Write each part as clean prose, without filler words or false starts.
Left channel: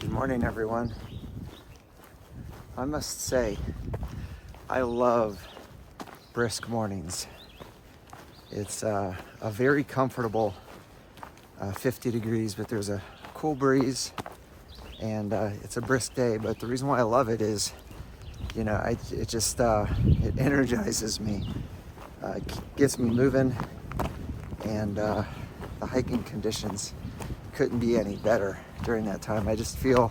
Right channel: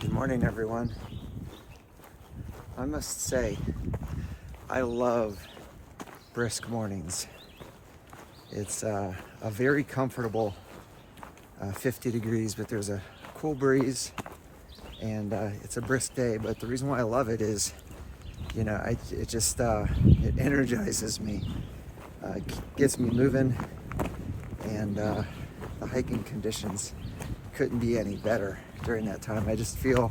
Good morning, everyone. I must say, I love brisk mornings. It's a very comfortable 50 degrees, but there's a cool breeze, and it's a brisk day. But the reason why I love it is, it energizes me, gets me moving, and the hiking conditions couldn't be any better during that time. I just feel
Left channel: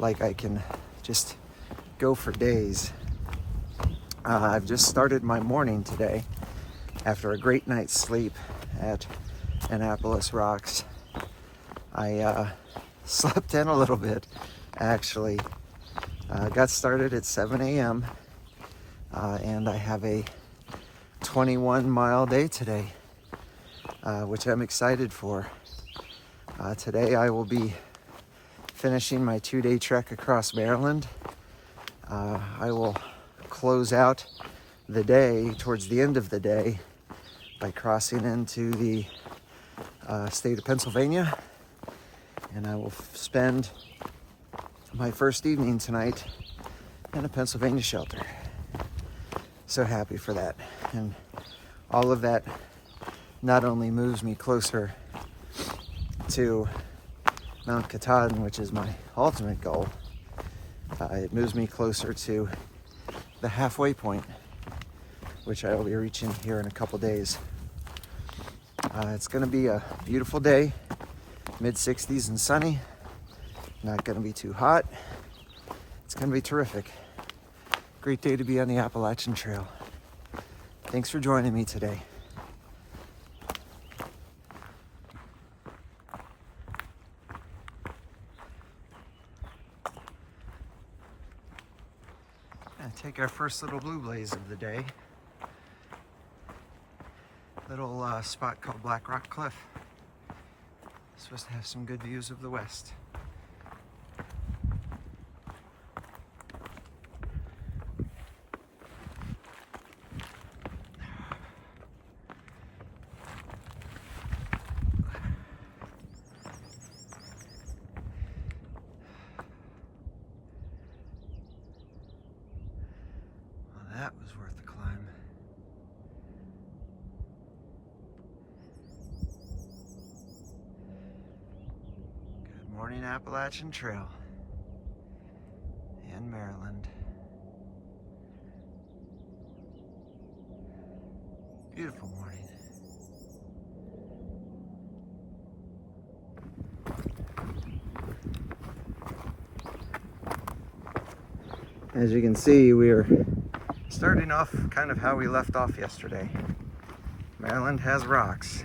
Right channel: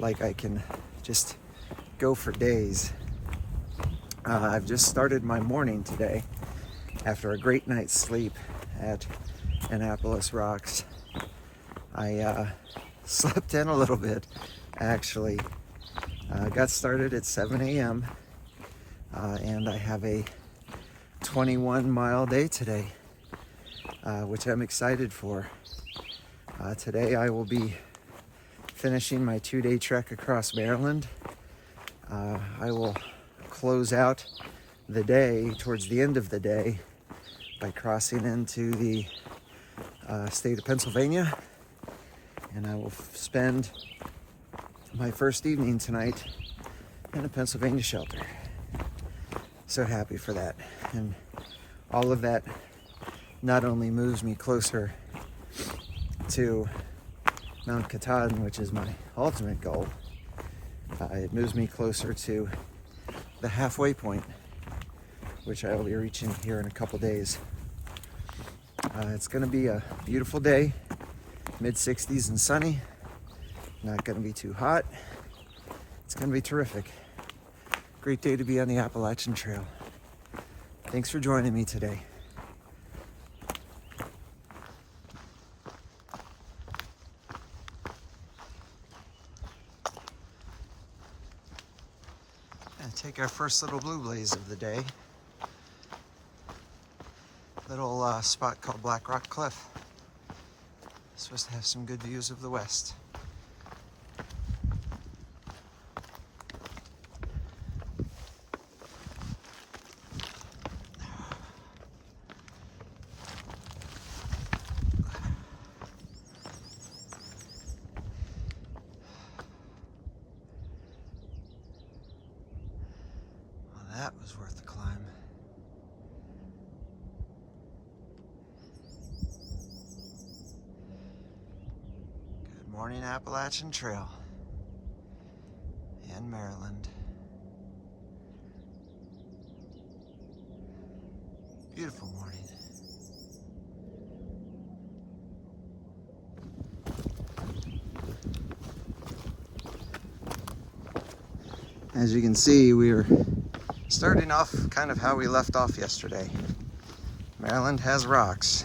like I can just go for days. I've just started my morning today after a great night's sleep at Annapolis Rocks. I slept in a little bit, actually. Got started at 7 a.m. And I have a 21-mile day today, which I'm excited for. Today I will be finishing my 2-day trek across Maryland. I will close out the day towards the end of the day by crossing into the state of Pennsylvania, and I will spend my first evening tonight in a Pennsylvania shelter. So happy for that, and all of that not only moves me closer to Mount Katahdin, which is my ultimate goal, it moves me closer to the halfway point, which I will be reaching here in a couple days. It's going to be a beautiful day, mid-60s and sunny. Not going to be too hot. It's going to be terrific. Great day to be on the Appalachian Trail. Thanks for joining me today. Take our first little blue blaze of the day. Little spot called Black Rock Cliff. Supposed to have some good views of the west. That was worth the climb. Good morning, Appalachian Trail in Maryland. Beautiful morning. As you can see, we are starting off kind of how we left off yesterday. Maryland has rocks.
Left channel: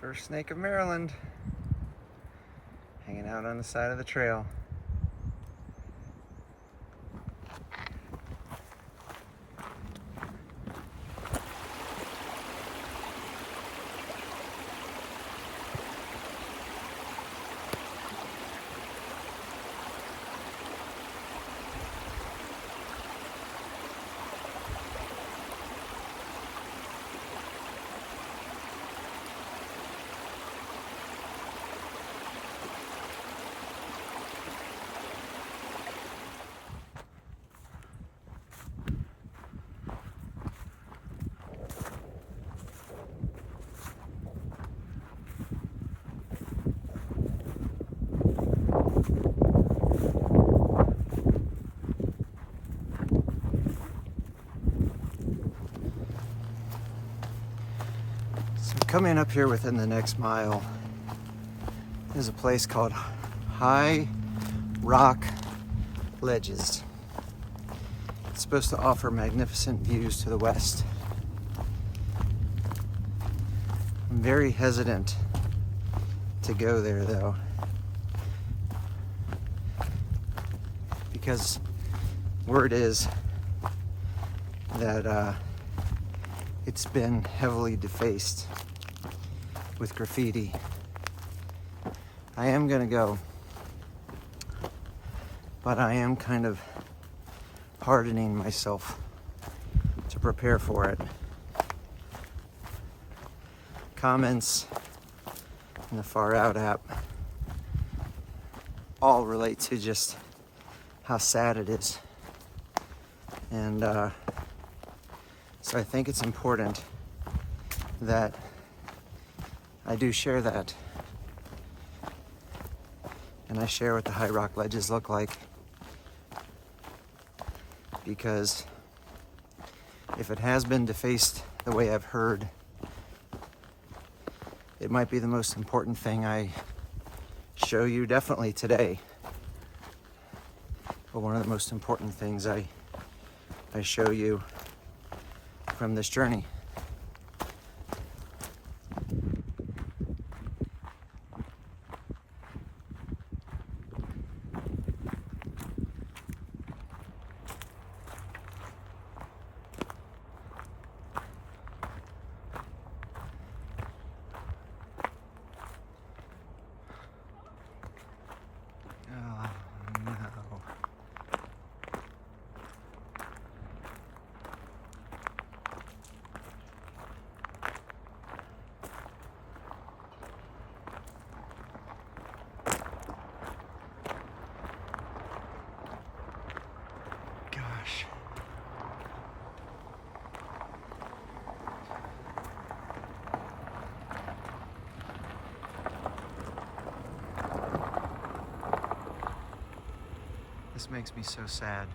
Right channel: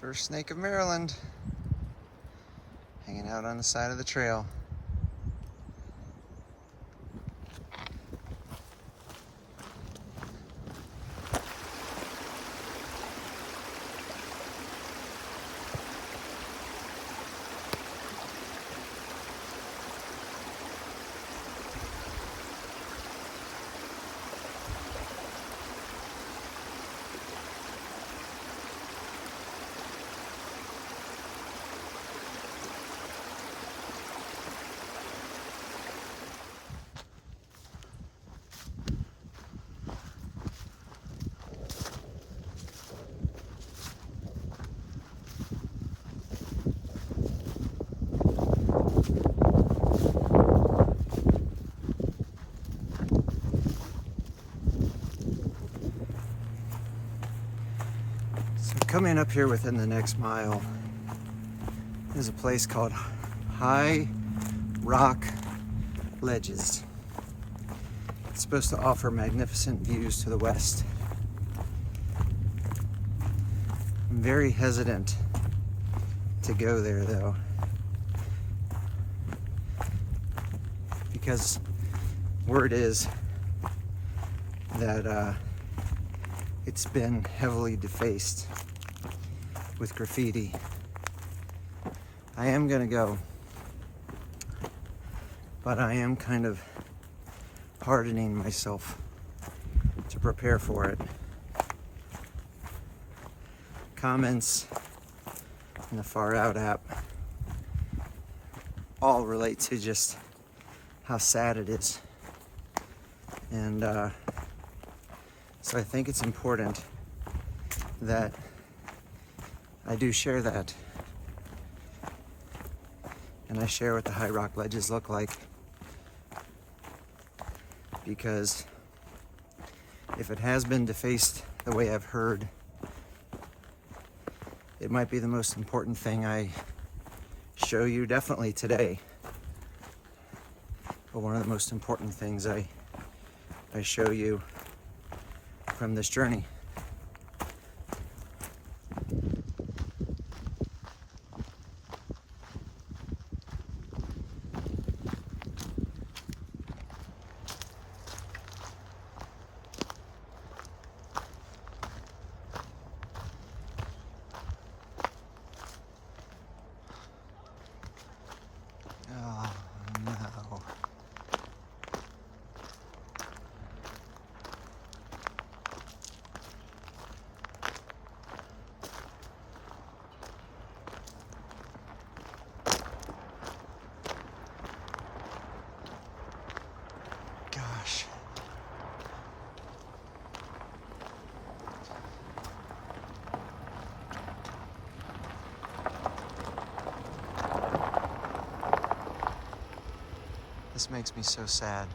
First snake of Maryland, hanging out on the side of the trail. Coming up here within the next mile, there's a place called High Rock Ledges. It's supposed to offer magnificent views to the west. I'm very hesitant to go there though, because word is that it's been heavily defaced with graffiti. I am gonna go, but I am kind of hardening myself to prepare for it. Comments in the Far Out app all relate to just how sad it is. And so I think it's important that I do share that. And I share what the high rock ledges look like. Because if it has been defaced the way I've heard, it might be the most important thing I show you, definitely today. But one of the most important things I show you from this journey. Oh no. Gosh. This makes me so sad.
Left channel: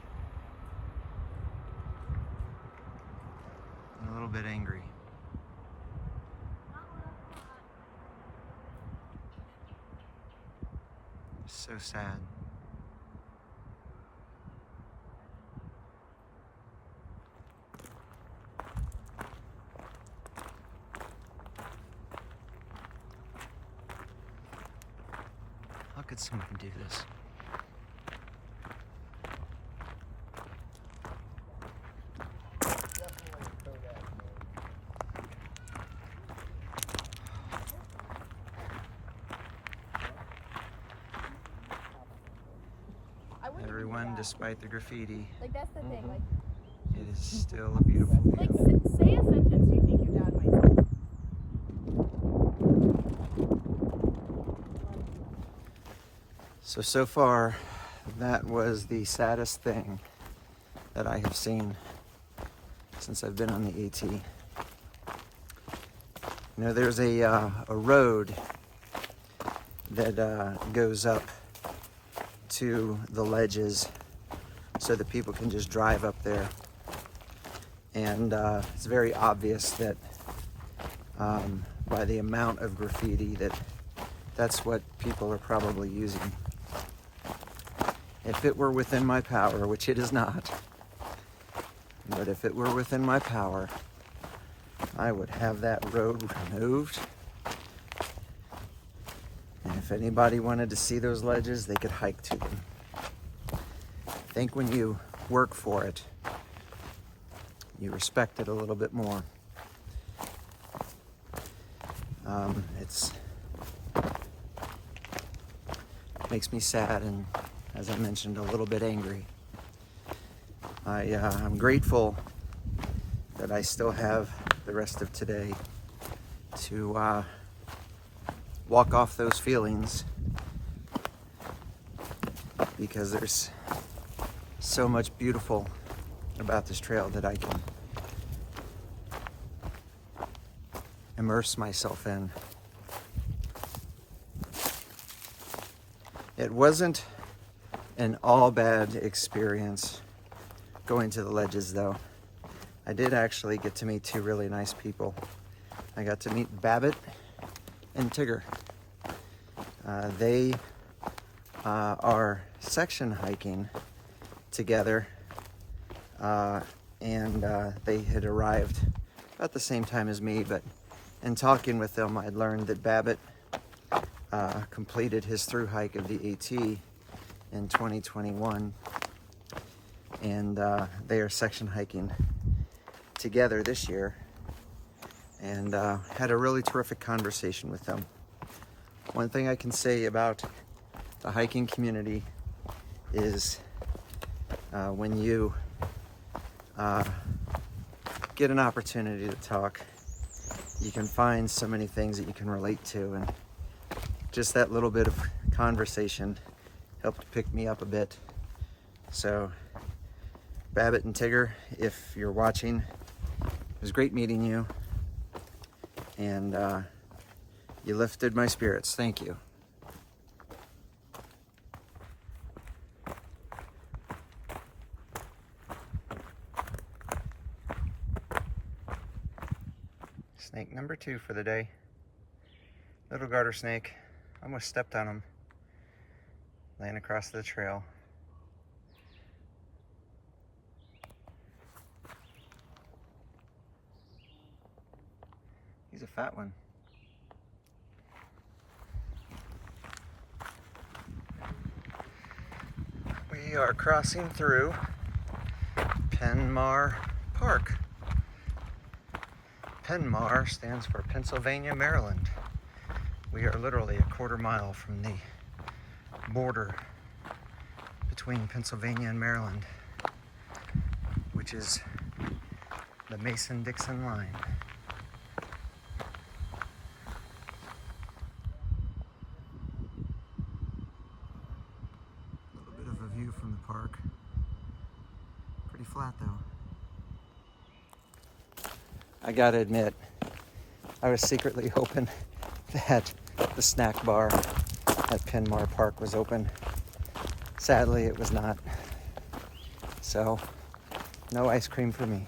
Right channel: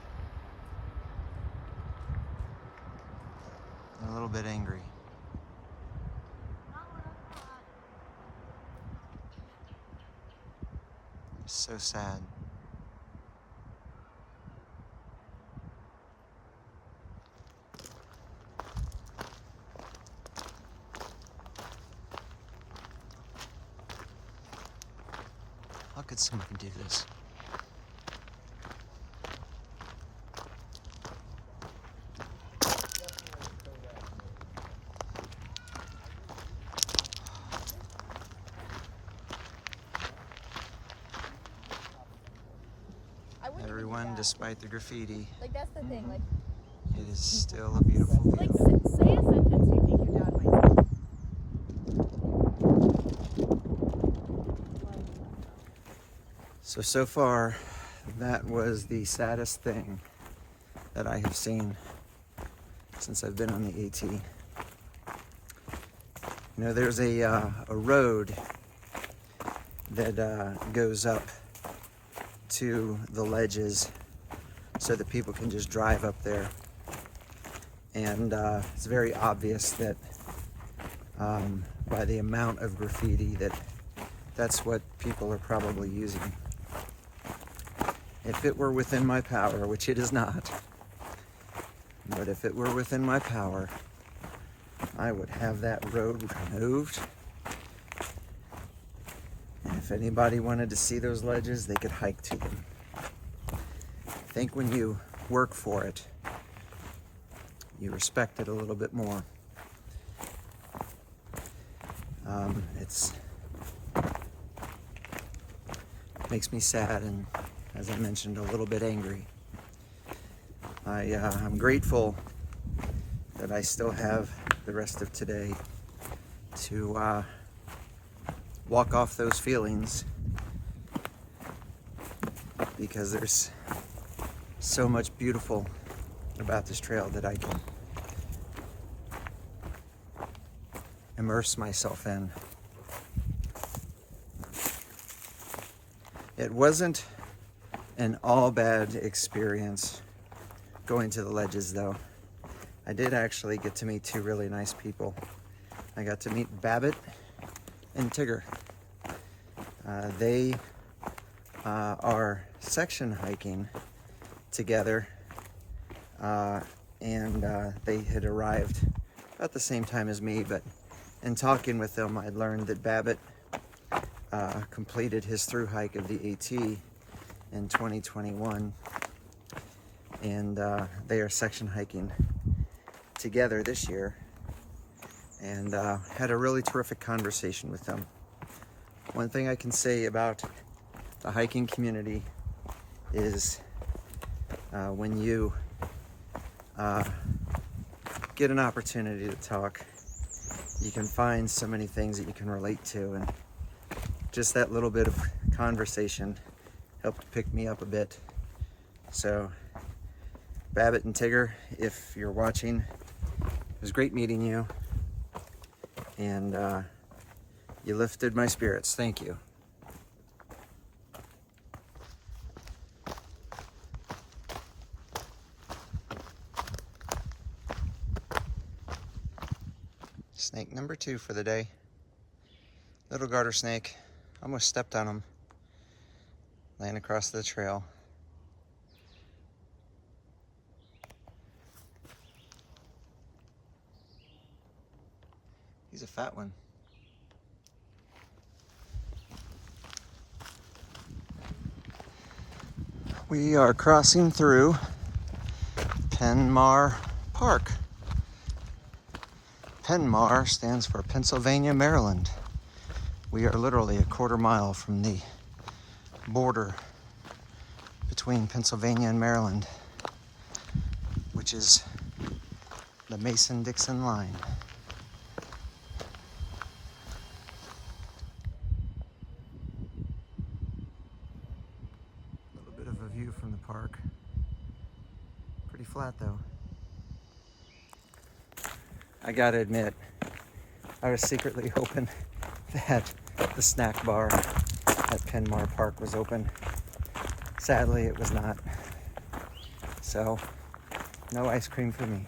And a little bit angry. So sad. How could someone do this? Everyone, despite the graffiti, Like, that's the thing. Like, it is still a beautiful like view. say a sentence you think you're done with. So far, that was the saddest thing that I have seen since I've been on the AT. You know, there's a road that goes up to the ledges so that people can just drive up there. And it's very obvious that by the amount of graffiti that's what people are probably using. If it were within my power, which it is not, but if it were within my power, I would have that road removed. And if anybody wanted to see those ledges, they could hike to them. I think when you work for it, you respect it a little bit more. It makes me sad and, as I mentioned, a little bit angry. I'm grateful that I still have the rest of today to walk off those feelings, because there's so much beautiful about this trail that I can immerse myself in. It wasn't an all bad experience going to the ledges, though. I did actually get to meet two really nice people. I got to meet Babbitt and Tigger. They are section hiking together, and they had arrived about the same time as me, but in talking with them, I'd learned that Babbitt completed his through-hike of the AT in 2021, and they are section hiking together this year, and had a really terrific conversation with them. One thing I can say about the hiking community is when you get an opportunity to talk, you can find so many things that you can relate to, and just that little bit of conversation helped pick me up a bit. So Babbitt and Tigger, if you're watching, it was great meeting you, and you lifted my spirits. Thank you. Snake number 2 for the day. Little garter snake. Almost stepped on him. Laying across the trail. He's a fat one. We are crossing through Penmar Park. Penmar stands for Pennsylvania, Maryland. We are literally a quarter mile from the border between Pennsylvania and Maryland, which is the Mason-Dixon Line. A little bit of a view from the park. Pretty flat though. I gotta admit, I was secretly hoping that the snack bar at Penmar Park was open. Sadly, it was not. So, no ice cream for me.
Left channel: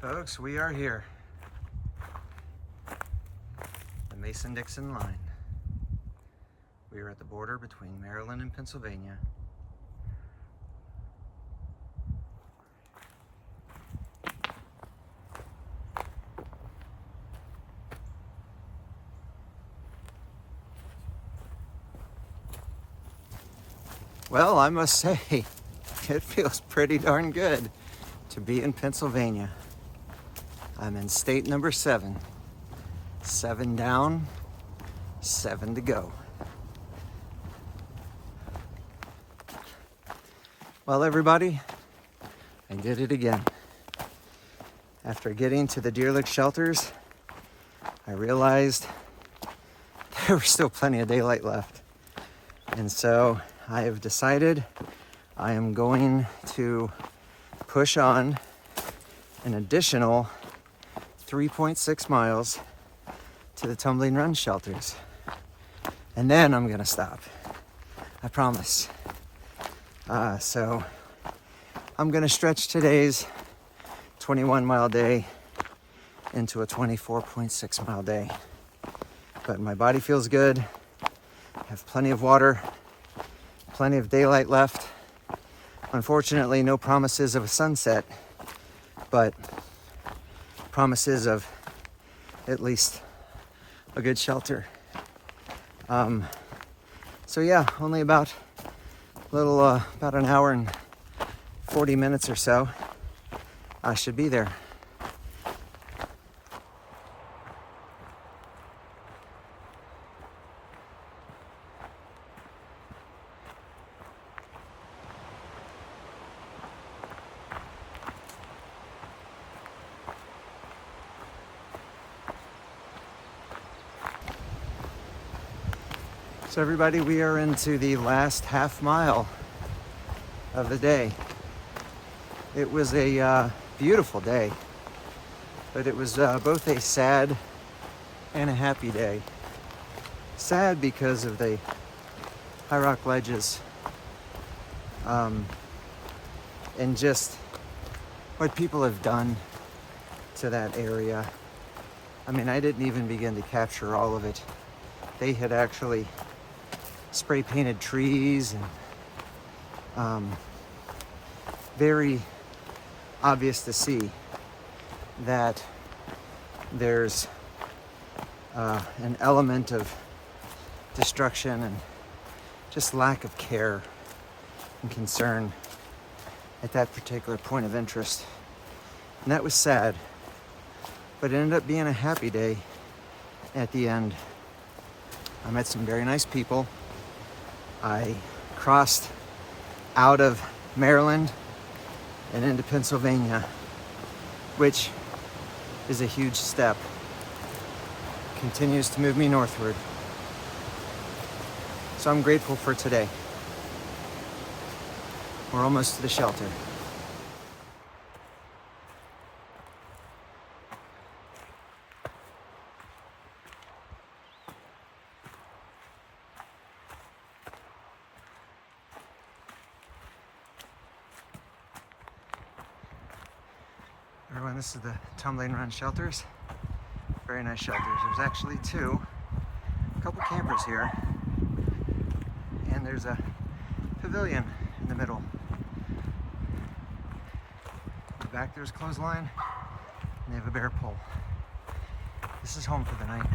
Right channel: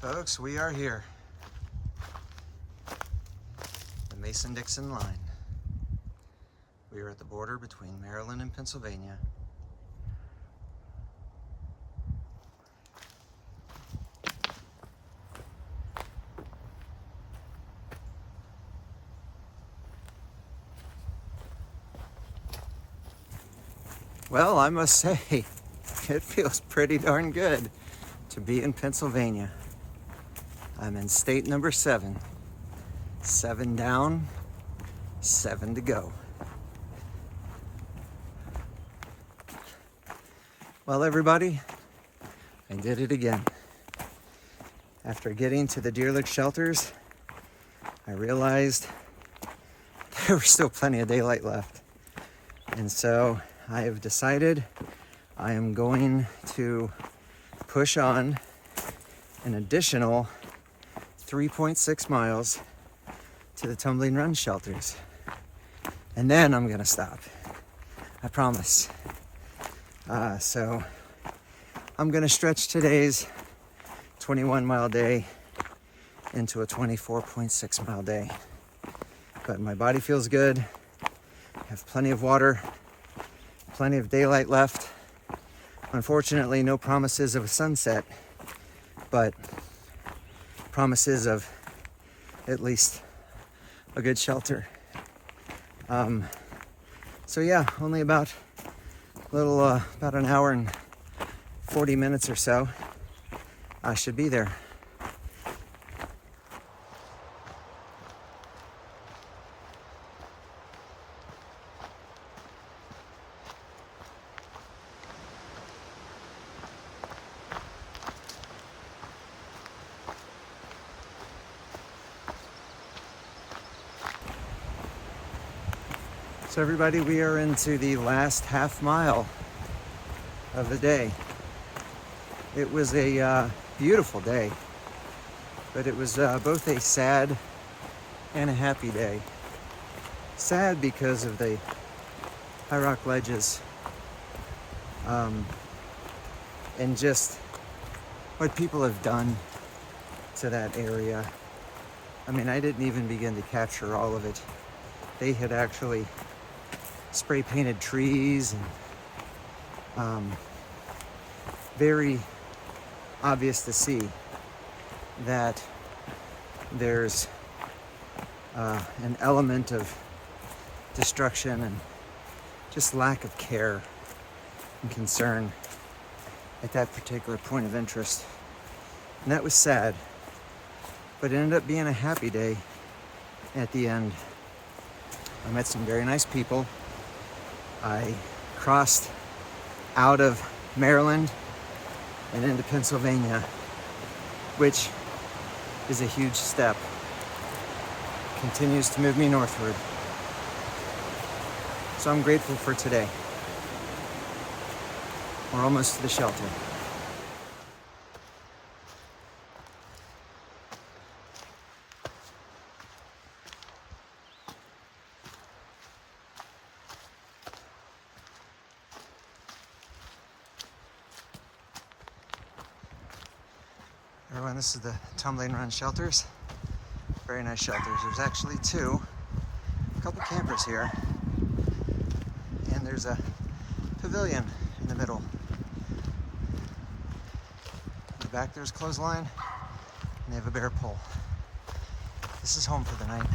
Folks, we are here. The Mason-Dixon Line. We are at the border between Maryland and Pennsylvania. Well, I must say, it feels pretty darn good to be in Pennsylvania. I'm in state number 7. 7 down, 7 to go. Well, everybody, I did it again. After getting to the deer lick shelters, I realized there was still plenty of daylight left. And so I have decided I am going to push on an additional 3.6 miles to the Tumbling Run shelters. And then I'm gonna stop. I promise. So I'm gonna stretch today's 21-mile day into a 24.6-mile day. But my body feels good. I have plenty of water, plenty of daylight left. Unfortunately, no promises of a sunset, but promises of at least a good shelter. So yeah, only about an hour and 40 minutes or so. I should be there. So everybody, we are into the last half mile of the day. It was a beautiful day, but it was both a sad and a happy day. Sad because of the high rock ledges and just what people have done to that area. I mean, I didn't even begin to capture all of it. They had actually spray painted trees and very obvious to see that there's an element of destruction and just lack of care and concern at that particular point of interest. And that was sad, but it ended up being a happy day at the end. I met some very nice people. I crossed out of Maryland and into Pennsylvania, which is a huge step. Continues to move me northward. So I'm grateful for today. We're almost to the shelter. Everyone, this is the Tumbling Run shelters. Very nice shelters. There's actually a couple campers here, and there's a pavilion in the middle. In the back there's clothesline, and they have a bear pole. This is home for the night.